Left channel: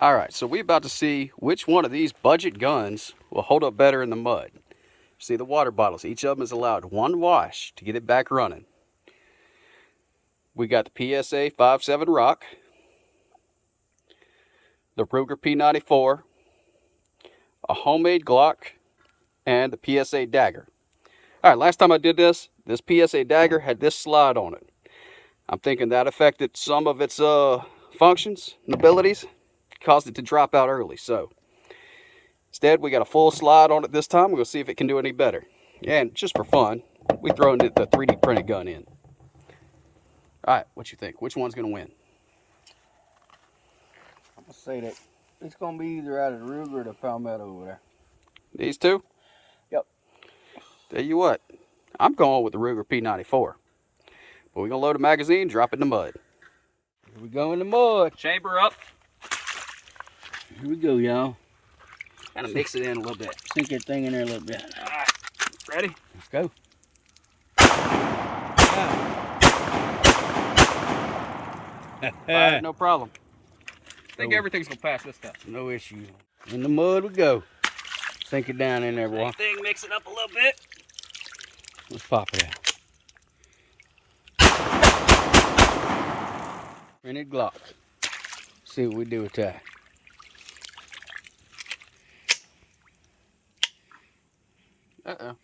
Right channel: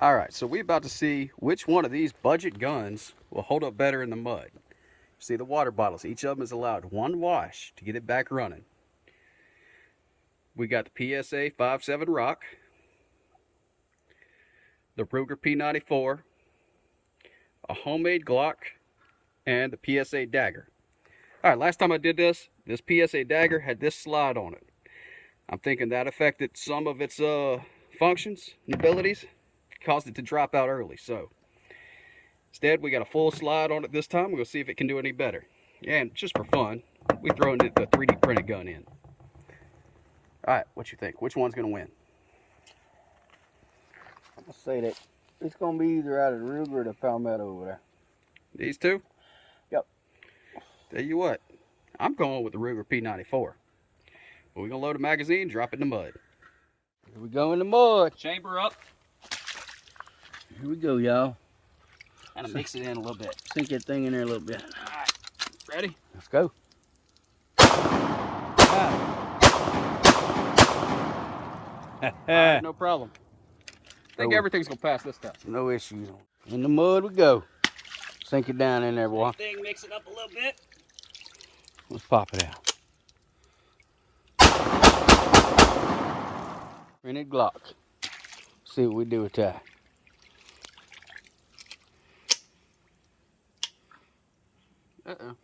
All right, so we're about to see which one of these budget guns will hold up better in the mud. See the water bottles, each of them is allowed one wash to get it back running. We got the PSA 5.7 Rock, the Ruger P94, a homemade Glock, and the PSA Dagger. All right, last time I did this PSA Dagger had this slide on it. I'm thinking that affected some of its functions and abilities, caused it to drop out early. So instead, we got a full slide on it this time. We'll see if it can do any better. And just for fun, we throw the 3D printed gun in. All right, what you think? Which one's gonna win? I'm gonna say that it's gonna be either out of the Ruger or the Palmetto over there. These two? Yep. Tell you what, I'm going with the Ruger P94. But we're gonna load a magazine, drop it in the mud. Here we go in the mud. Chamber up. Here we go, y'all. Kind of mix it in a little bit. Sink that thing in there a little bit. All right, ready? Let's go. Right, no problem. I think everything's gonna pass this time. No issues. In the mud we go. Sink it down in there, boy. Same thing, mix it up a little bit. Let's pop it out. Printed Glock. See what we do with that. Uh-oh.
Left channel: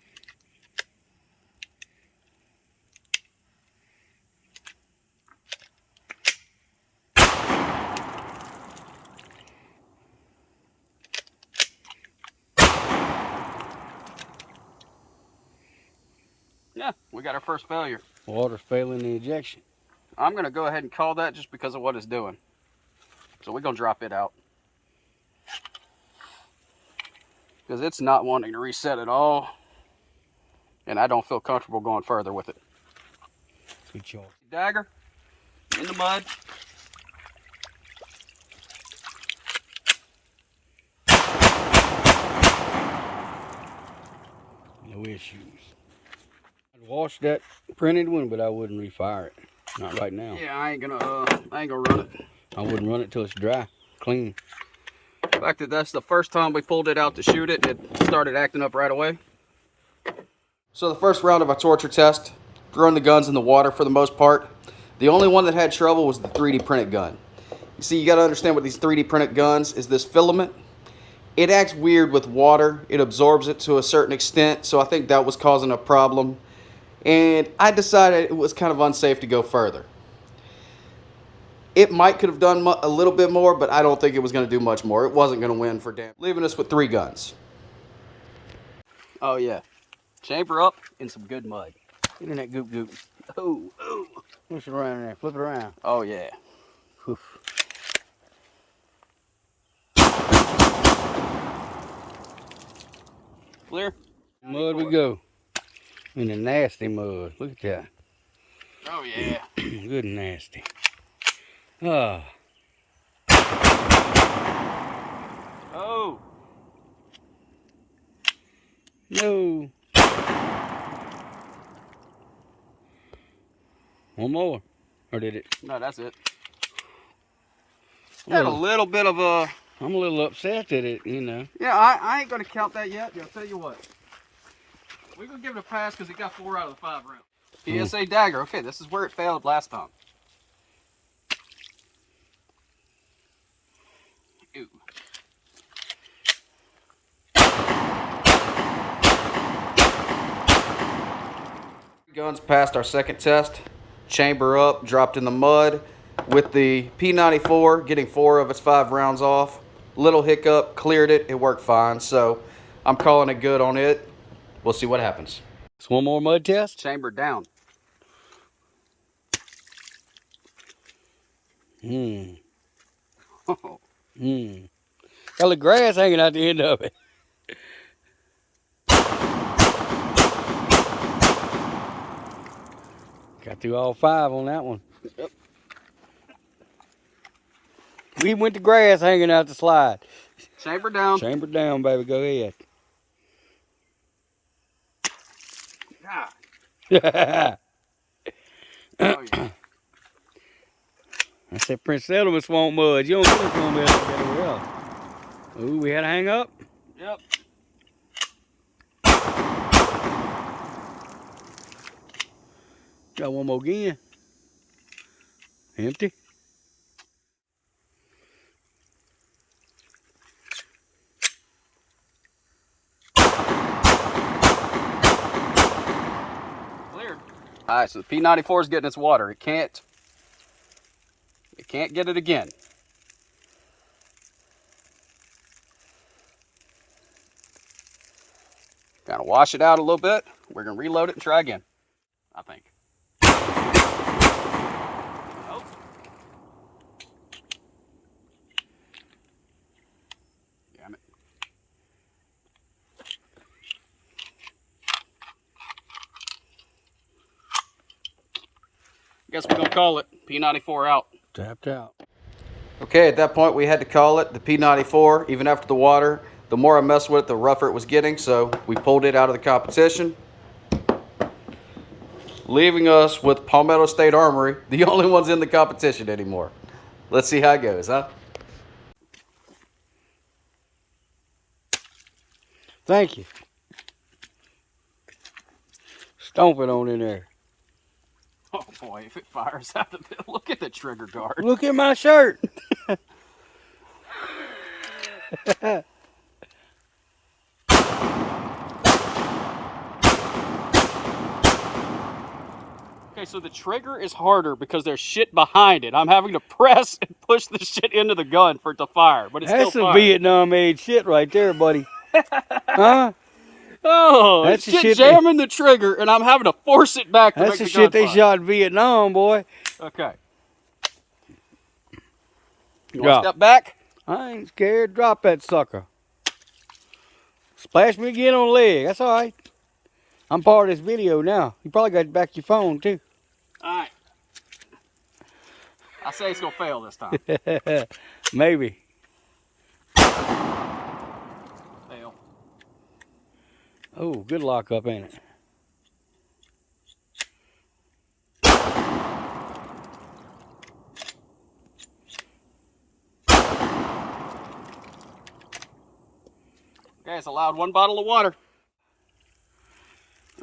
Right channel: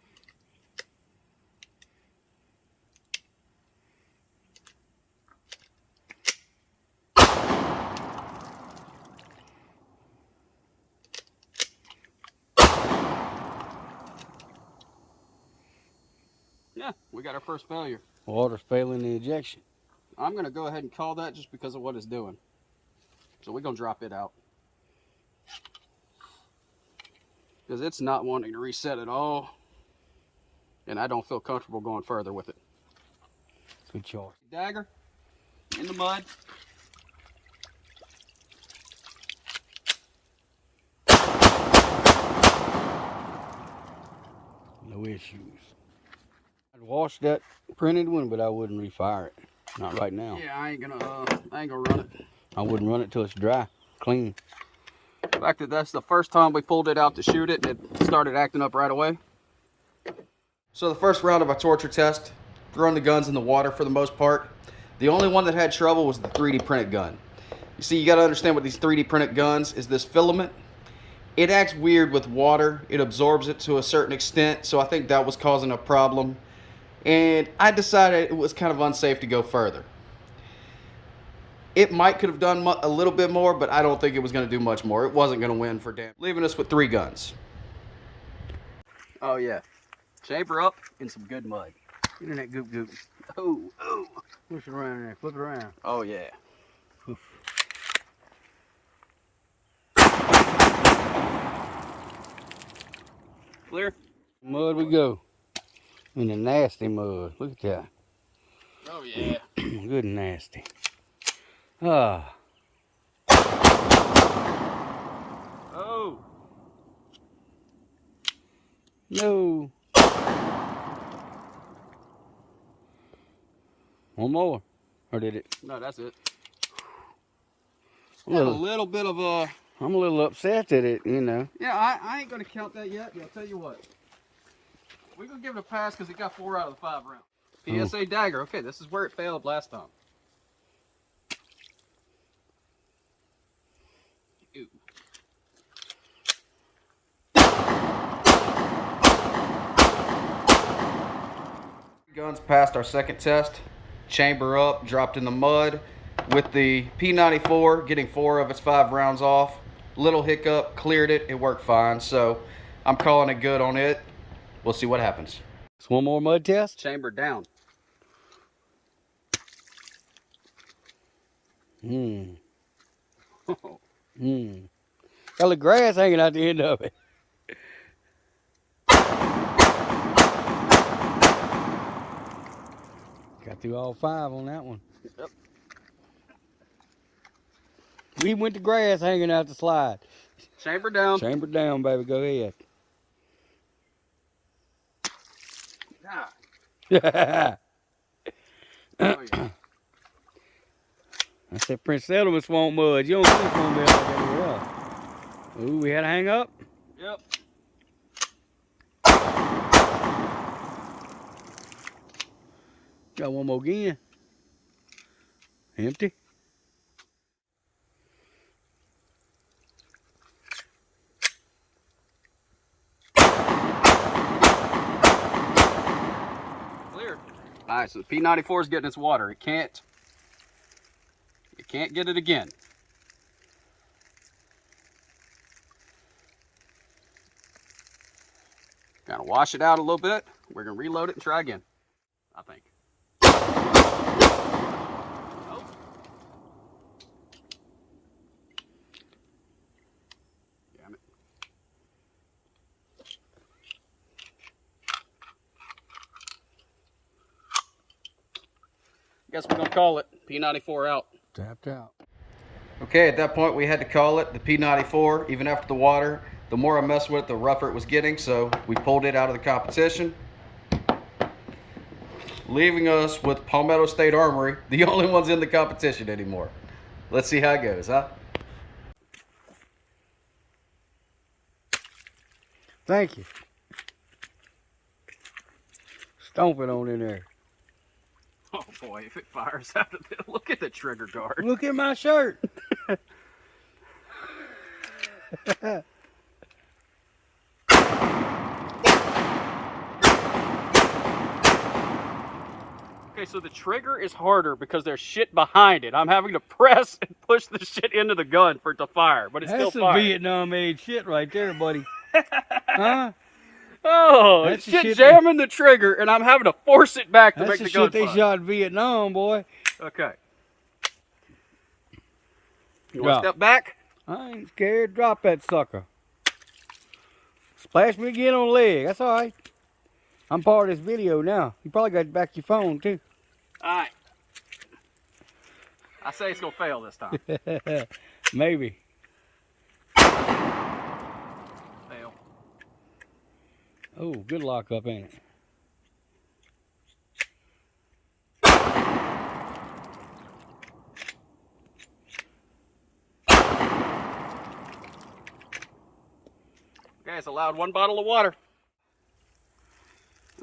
Yeah, we got our first failure. Water's failing the ejection. I'm going to go ahead and call that just because of what it's doing. So we're going to drop it out. Because it's not wanting to reset at all. And I don't feel comfortable going further with it. Good choice. Dagger in the mud. No issues. I'd wash that printed one, but I wouldn't refire it. Not right now. Yeah, I ain't gonna run it. I wouldn't run it till it's dry, clean. The fact that that's the first time we pulled it out to shoot it, it started acting up right away. So the first round of our torture test, throwing the guns in the water for the most part. The only one that had trouble was the 3D printed gun. You see, you gotta understand with these 3D printed guns is this filament. It acts weird with water. It absorbs it to a certain extent, so I think that was causing a problem. And I decided it was kind of unsafe to go further. It could have done a little bit more, but I don't think it was going to do much more. It wasn't going to win for damn. Leaving us with 3 guns. Oh yeah, chamber up in some good mud. Get in that goop goop. Oh, oh. Push it around in there, flip it around. Oh yeah. Oof. Clear? Mud we go. In the nasty mud. Look at that. Oh yeah. Good and nasty. Ah. Oh. No. One more. Or did it? No, that's it. I'm Had a little bit of a... I'm a little upset at it, you know. Yeah, I ain't going to count that yet. I'll tell you what. We're going to give it a pass because it got 4 out of the 5 rounds. PSA Dagger. Okay, this is where it failed last time. Ooh. Guns passed our second test. Chamber up, dropped in the mud. With the P94 getting 4 of its 5 rounds off. Little hiccup, cleared it. It worked fine. So I'm calling it good on it. We'll see what happens. It's one more mud test. Chamber down. Got the grass hanging out the end of it. Got through all 5 on that one. Yep. We went to grass hanging out the slide. Chamber down. Chamber down, baby. Go ahead. God. Oh, yeah. I said Prince Settlement swamp mud. You don't get a swamp mud like that anywhere else. Oh. Ooh, we had to hang up? Yep. Got one more again. Empty. Clear. All right, so the P94 is getting its water. It can't get it again. Gotta wash it out a little bit. We're gonna reload it and try again, I think. Oh. Damn it. Guess we're gonna call it. P94 out. Tapped out. Okay, at that point we had to call it the P94. Even after the water, the more I messed with it, the rougher it was getting, so we pulled it out of the competition, leaving us with Palmetto State Armory, the only ones in the competition anymore. Let's see how it goes, huh? Thank you. Stomp it on in there. Oh boy, if it fires out of it, look at the trigger guard. Look at my shirt. Okay, so the trigger is harder because there's shit behind it. I'm having to press and push the shit into the gun for it to fire, but it's That's still some firing. Vietnam-age shit right there, buddy. Huh? Oh, That's that's the shit shit jamming the trigger, and I'm having to force it back to That's make the the shit gun they fire. shot in Vietnam, boy. Okay. You Drop. want to step back? I ain't scared. Drop that sucker. Splash me again on the leg. That's all right. I'm part of this video now. You probably got back your phone, too. All right. I say it's going to fail this time. Maybe. Fail. Oh, good lock up, ain't it? Okay, it's allowed 1 bottle of water.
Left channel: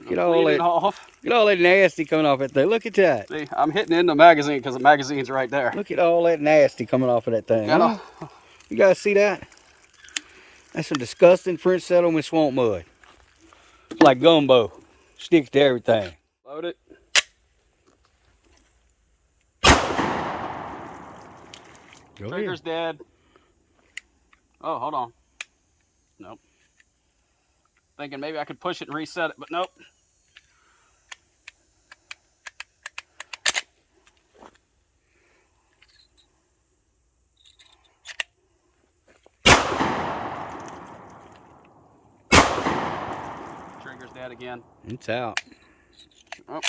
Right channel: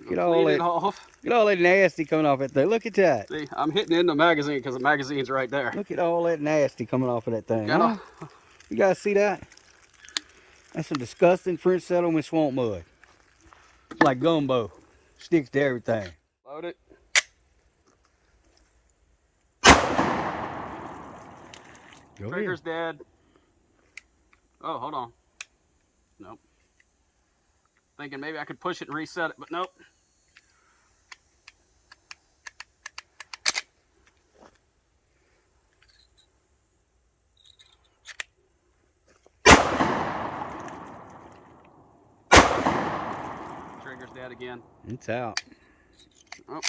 Get all Clean it that, off. get all that nasty coming off that thing. Look at that. See, I'm hitting in the magazine because the magazine's right there. Look at all that nasty coming off of that thing. Yeah. Huh? You guys see that? That's some disgusting French settlement swamp mud. It's like gumbo. Sticks to everything. Load it. Go ahead. Trigger's dead. Oh, hold on. Nope. Thinking maybe I could push it and reset it, but nope. Trigger's dead again. It's out. Oh.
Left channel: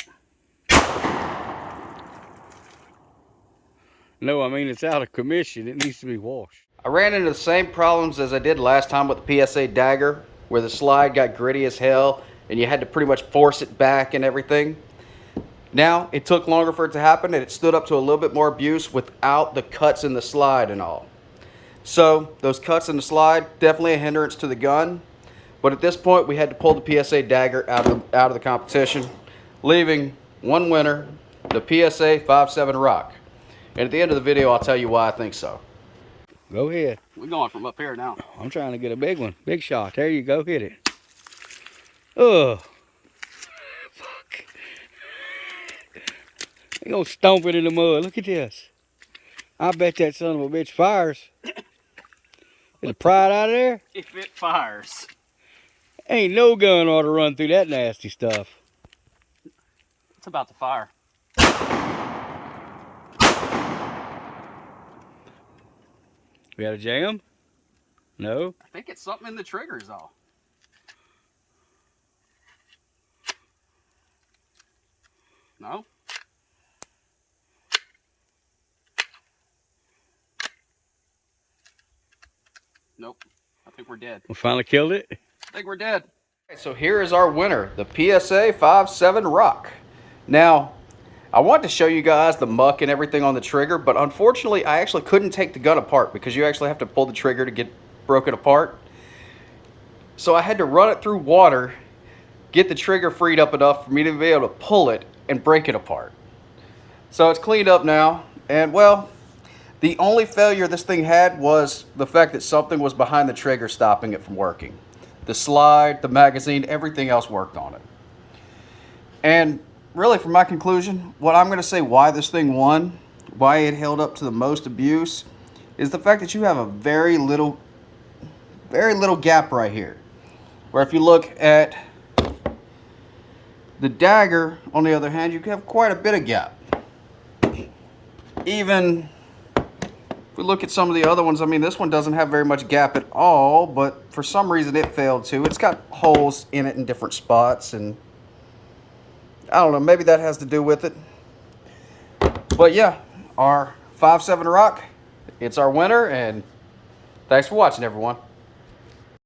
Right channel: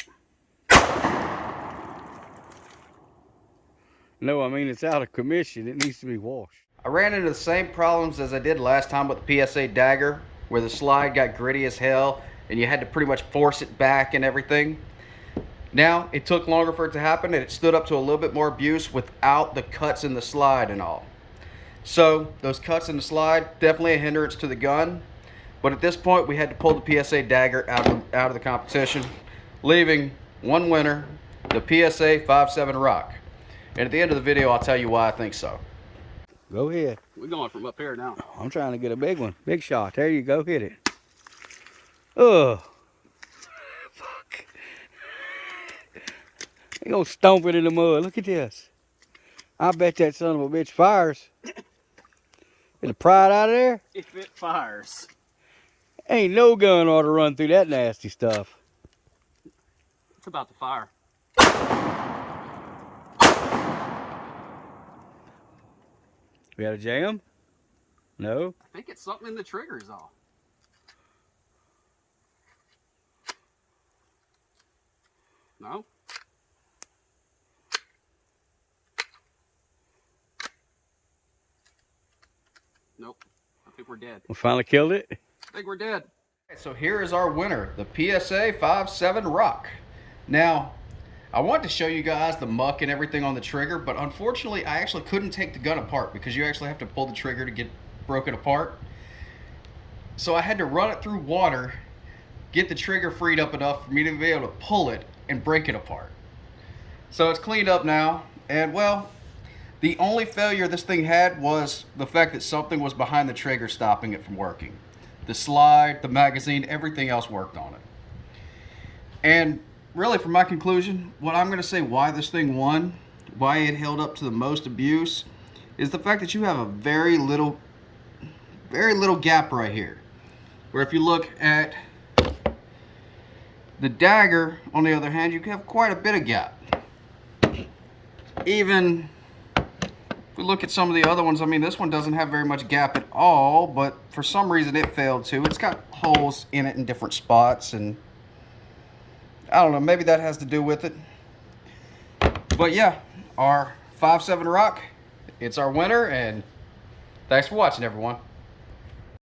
No, I mean it's out of commission. It needs to be washed. I ran into the same problems as I did last time with the PSA Dagger, where the slide got gritty as hell and you had to pretty much force it back and everything. Now, it took longer for it to happen and it stood up to a little bit more abuse without the cuts in the slide and all. So, those cuts in the slide, definitely a hindrance to the gun. But at this point, we had to pull the PSA Dagger out of the competition, leaving one winner, the PSA 57 Rock. And at the end of the video, I'll tell you why I think so. Go ahead. We're going from up here now. I'm trying to get a big one. Big shot. There you go. Hit it. Ugh. Fuck. They gonna stomp it in the mud. Look at this. I bet that son of a bitch fires. It'll pry it out of there. If it fires. Ain't no gun ought to run through that nasty stuff. It's about to fire. We got a jam? No? I think it's something in the triggers, though. No? Nope. I think we're dead. We finally killed it. I think we're dead. Okay, so here is our winner, the PSA 57 Rock. Now, I wanted to show you guys the muck and everything on the trigger, but unfortunately I actually couldn't take the gun apart because you actually have to pull the trigger to get broken apart. So I had to run it through water, get the trigger freed up enough for me to be able to pull it and break it apart. So it's cleaned up now, and well, the only failure this thing had was the fact that something was behind the trigger stopping it from working. The slide, the magazine, everything else worked on it. And really, for my conclusion, what I'm going to say why this thing won, why it held up to the most abuse, is the fact that you have a very little gap right here. Where if you look at the Dagger, on the other hand, you have quite a bit of gap. Even if we look at some of the other ones, I mean, this one doesn't have very much gap at all, but for some reason it failed to. It's got holes in it in different spots, and I don't know, maybe that has to do with it. But yeah, our 5.7 Rock, it's our winner, and thanks for watching, everyone.